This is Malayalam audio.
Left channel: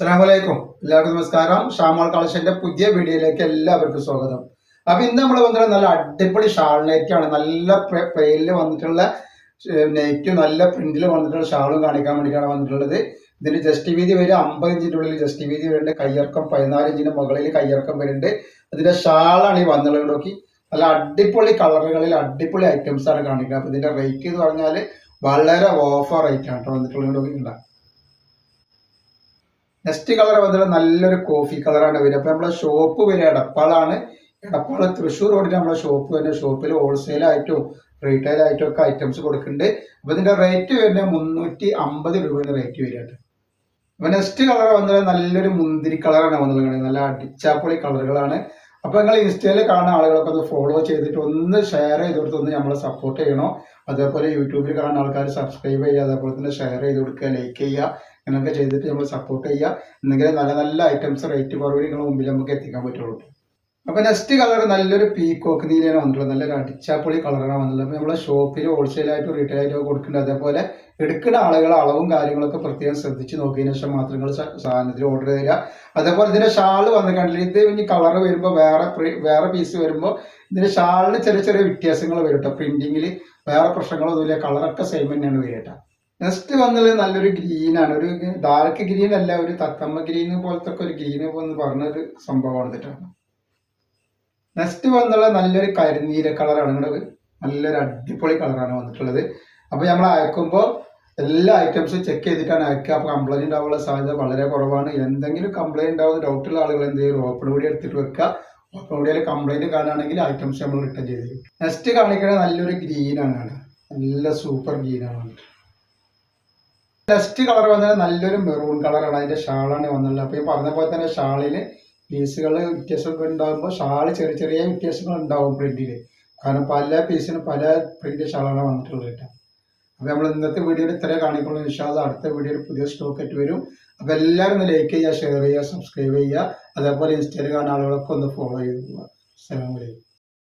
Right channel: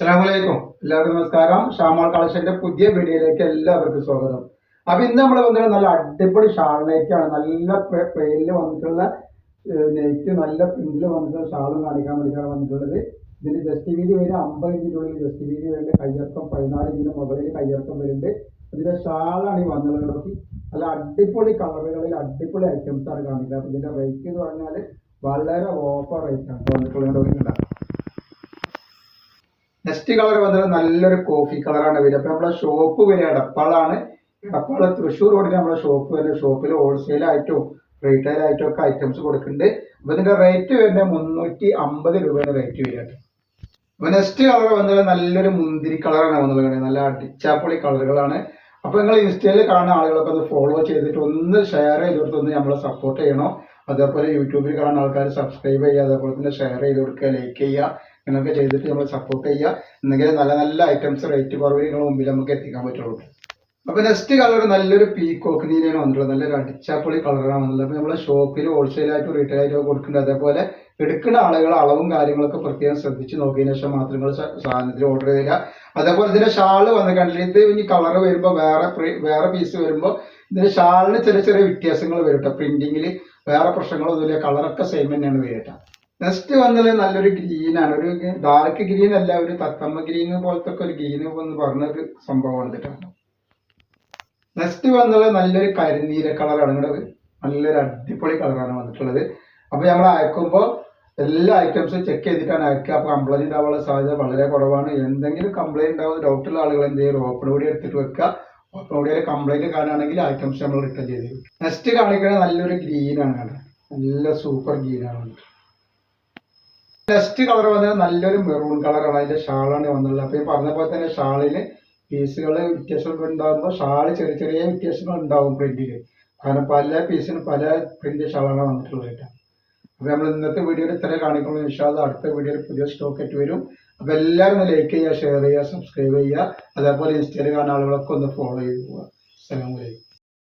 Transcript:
അസ്സലാമലൈക്കും. എല്ലാവർക്കും നമസ്കാരം. ഷാമോൾ കളക്ഷന്റെ പുതിയ വീഡിയോയിലേക്ക് എല്ലാവർക്കും സ്വാഗതം. അപ്പൊ ഇന്ന് നമ്മൾ വന്നിട്ടുള്ള നല്ല അടിപൊളി ഷാൾ നൈറ്റാണ്. നല്ല പ്ലെയിനിൽ വന്നിട്ടുള്ള നൈറ്റ്, നല്ല പ്രിന്റിൽ വന്നിട്ടുള്ള ഷാളും കാണിക്കാൻ വേണ്ടിയിട്ടാണ് വന്നിട്ടുള്ളത്. ഇതിന്റെ ജസ്റ്റ് വീതി വരും 50 ഇഞ്ചിന്റെ ഉള്ളിൽ ജസ്റ്റ് വീതി വരുന്നുണ്ട്. കയ്യിറക്കം 14 ഇഞ്ചിന്റെ മുകളിൽ കയ്യിറക്കം വരുന്നുണ്ട്. അതിന്റെ ഷാളാണ് ഈ വന്നുള്ളത്. നോക്കി, നല്ല അടിപൊളി കളറുകളിൽ അടിപൊളി ഐറ്റംസ് ആണ് കാണിക്കുന്നത്. അപ്പൊ ഇതിന്റെ റേറ്റ് എന്ന് പറഞ്ഞാൽ വളരെ ഓഫർ റേറ്റ് ആണ് വന്നിട്ടുള്ളത്. നെക്സ്റ്റ് കളർ വന്നത് നല്ലൊരു കോഫി കളറാണ് വരിക. അപ്പൊ നമ്മളെ ഷോപ്പ് വരിക എടപ്പാളാണ്. എടപ്പാള് തൃശ്ശൂർ റോഡിന് നമ്മളെ ഷോപ്പ് വരുന്ന ഷോപ്പിൽ ഹോൾസെയിൽ ആയിട്ടും റീറ്റെയിൽ ആയിട്ടും ഒക്കെ ഐറ്റംസ് കൊടുക്കുന്നുണ്ട്. അപ്പൊ ഇതിന്റെ റേറ്റ് വരുന്നത് 350 രൂപയാണ് റേറ്റ് വരിക. അപ്പൊ നെക്സ്റ്റ് കളർ വന്നത് നല്ലൊരു മുന്തിരി കളറാണ് വന്നത്. നല്ല അടിച്ചാപ്പൊളി കളറുകളാണ്. അപ്പൊ നിങ്ങൾ ഇൻസ്റ്റയിൽ കാണുന്ന ആളുകളൊക്കെ ഒന്ന് ഫോളോ ചെയ്തിട്ട് ഒന്ന് ഷെയർ ചെയ്ത് കൊടുത്ത് ഒന്ന് നമ്മളെ സപ്പോർട്ട് ചെയ്യണം. അതേപോലെ യൂട്യൂബിൽ കാണുന്ന ആൾക്കാർ സബ്സ്ക്രൈബ് ചെയ്യുക, അതേപോലെ തന്നെ ഷെയർ ചെയ്ത് കൊടുക്കുക, ലൈക്ക് ചെയ്യുക, ഇങ്ങനെയൊക്കെ ചെയ്തിട്ട് നമ്മൾ സപ്പോർട്ട് ചെയ്യുക. എന്നെങ്കിലും നല്ല നല്ല ഐറ്റംസ് റേറ്റ് കുറവിൽ നിങ്ങളുടെ മുമ്പിൽ നമുക്ക് എത്തിക്കാൻ പറ്റുള്ളൂ. അപ്പൊ നെക്സ്റ്റ് കളർ നല്ലൊരു പീക്കോക്ക് നീലയാണ് വന്നിട്ടുള്ളത്. നല്ലൊരു അടിച്ചാപ്പൊളി കളറാണ് വന്നിട്ടുള്ളത്. അപ്പൊ നമ്മളെ ഷോപ്പിൽ ഹോൾസെയിലായിട്ടും റീറ്റെയിൽ ആയിട്ടും കൊടുക്കുന്നുണ്ട്. അതേപോലെ എടുക്കുന്ന ആളുകൾ അളവും കാര്യങ്ങളൊക്കെ പ്രത്യേകം ശ്രദ്ധിച്ച് നോക്കിയതിനു ശേഷം മാത്രം നിങ്ങൾ സാധനത്തിൽ ഓർഡർ ചെയ്യുക. അതേപോലെ ഇതിന്റെ ഷാള് വന്നിട്ടുണ്ടെങ്കിൽ ഇത് ഇനി കളർ വരുമ്പോൾ വേറെ പീസ് വരുമ്പോൾ ഇതിന്റെ ഷാളിന് ചെറിയ ചെറിയ വ്യത്യാസങ്ങൾ വരും കേട്ടോ. പ്രിന്റിങ്ങിൽ വേറെ പ്രശ്നങ്ങളൊന്നുമില്ല, കളറൊക്കെ സെയിം തന്നെയാണ് വരിക കേട്ടോ. നെക്സ്റ്റ് വന്നത് നല്ലൊരു ഗ്രീൻ ആണ്. ഒരു ഡാർക്ക് ഗ്രീൻ അല്ല, ഒരു തത്തമ്മ ഗ്രീൻ പോലത്തെ ഒരു ഗ്രീൻ എന്ന് പറഞ്ഞൊരു സംഭവമാണ് കേട്ടോ. നെക്സ്റ്റ് വന്നുള്ളത് നല്ലൊരു കരിനീല കളറാണ്. നല്ലൊരു അടിപൊളി കളറാണ് വന്നിട്ടുള്ളത്. അപ്പൊ നമ്മൾ അയക്കുമ്പോൾ എല്ലാ ഐറ്റംസും ചെക്ക് ചെയ്തിട്ടാണ് അയക്കുക. അപ്പൊ കംപ്ലൈന്റ് ഉണ്ടാവാനുള്ള സാധ്യത വളരെ കുറവാണ്. എന്തെങ്കിലും കംപ്ലൈന്റ് ഉണ്ടാവുന്ന ഡൗട്ടുള്ള ആളുകൾ എന്ത് ചെയ്യും, ഓപ്പൺ വീഡിയോ എടുത്തിട്ട് വെക്കുക. ഓപ്പൺ വീഡിയോയിൽ കംപ്ലൈന്റ് കാണുകയാണെങ്കിൽ ഐറ്റംസ് നമ്മൾ റിട്ടേൺ ചെയ്ത് തരും. നെക്സ്റ്റ് കാണിക്കുന്നത് നല്ലൊരു ഗ്രീൻ ആണ്. നല്ല സൂപ്പർ ഗ്രീൻ ആണ്. നെക്സ്റ്റ് കളർ വന്നത് നല്ലൊരു മെറൂൺ കളറാണ്. അതിന്റെ ഷാളാണ് വന്നുള്ളത്. അപ്പൊ ഈ പറഞ്ഞ പോലെ തന്നെ ഷാളില് പീസുകൾ വ്യത്യാസം ഉണ്ടാകുമ്പോൾ ഷാള് ചെറിയ ചെറിയ വ്യത്യാസങ്ങൾ ഉണ്ടാവും പ്രിന്റില്. കാരണം പല പീസിനും പല പ്രിന്റ് ഷാളാണ് വന്നിട്ടുള്ളത് കേട്ടോ. അപ്പൊ നമ്മൾ ഇന്നത്തെ വീഡിയോയിൽ ഇത്രേ കാണിക്കുള്ളൂ. ഇൻഷാ അല്ലാഹ് അടുത്ത വീഡിയോയിൽ പുതിയ സ്റ്റോക്ക് ആയിട്ട് വരും. അപ്പൊ എല്ലാവരും ലൈക്ക് ചെയ്യുക, ഷെയർ ചെയ്യുക, സബ്സ്ക്രൈബ് ചെയ്യുക. അതേപോലെ ഇൻസ്റ്റയിൽ കാണുന്ന ആളുകളൊക്കെ ഒന്ന് ഫോളോ ചെയ്ത് പോവുക. അസ്സലാമു അലൈക്കും.